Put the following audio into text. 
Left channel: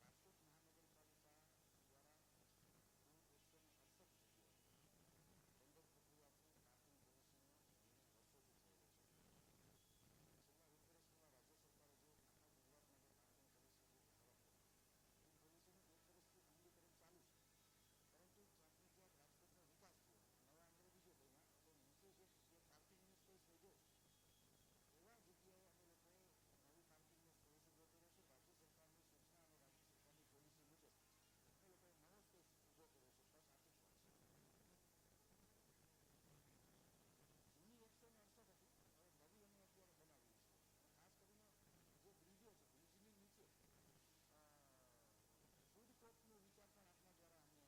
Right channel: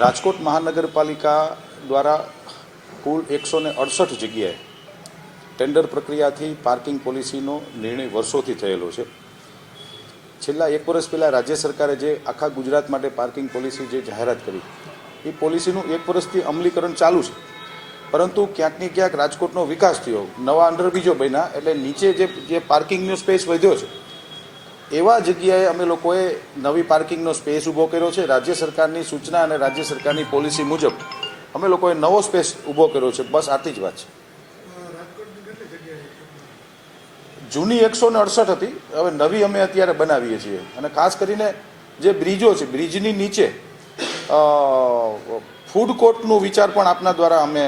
રાજકોટ મહાનગરપાલિકા દ્વારા કુલ 168 જગ્યાએ ટેન્ડર પ્રક્રિયાથી પાર્કિંગ પોલિસીનો નિર્ણય વર્ષોથી થયેલો છે. છેલ્લા 1 વર્ષ પહેલાં રાજ્ય સરકારે જે આખા ગુજરાત માટે પાર્કિંગ પોલિસી જે જાહેરાત કરી એ પોલિસીનું 1 વર્ષથી અમલીકરણ ચાલુ છે. પરંતુ ક્યાંકની ક્યાંક રાજકોટનો વિકાસ થયો, નવા અંડરબ્રિજો બન્યા, એટલે નીચે જે પાર્કિંગનો સ્પેસ વધ્યો છે એવા જગ્યાએ અમે લોકોએ નવી પાર્કિંગનો સ્પેસ ઊભો કર્યો છે. રાજ્ય સરકારની સૂચના અને રાજ્ય સરકારની પોલિસી મુજબ અમે લોકોએ નવો સ્પેસ ઊભો કર્યો છે. બસ આટલી જ વાત છે. જૂની 168 હતી, હવે નવી અમે અત્યારે બનાવીએ છીએ. અને ખાસ કરીને જે બ્રિજો છે, બ્રિજની નીચે ફૂડ કોર્ટનો વિચાર પણ આપના દ્વારા અમે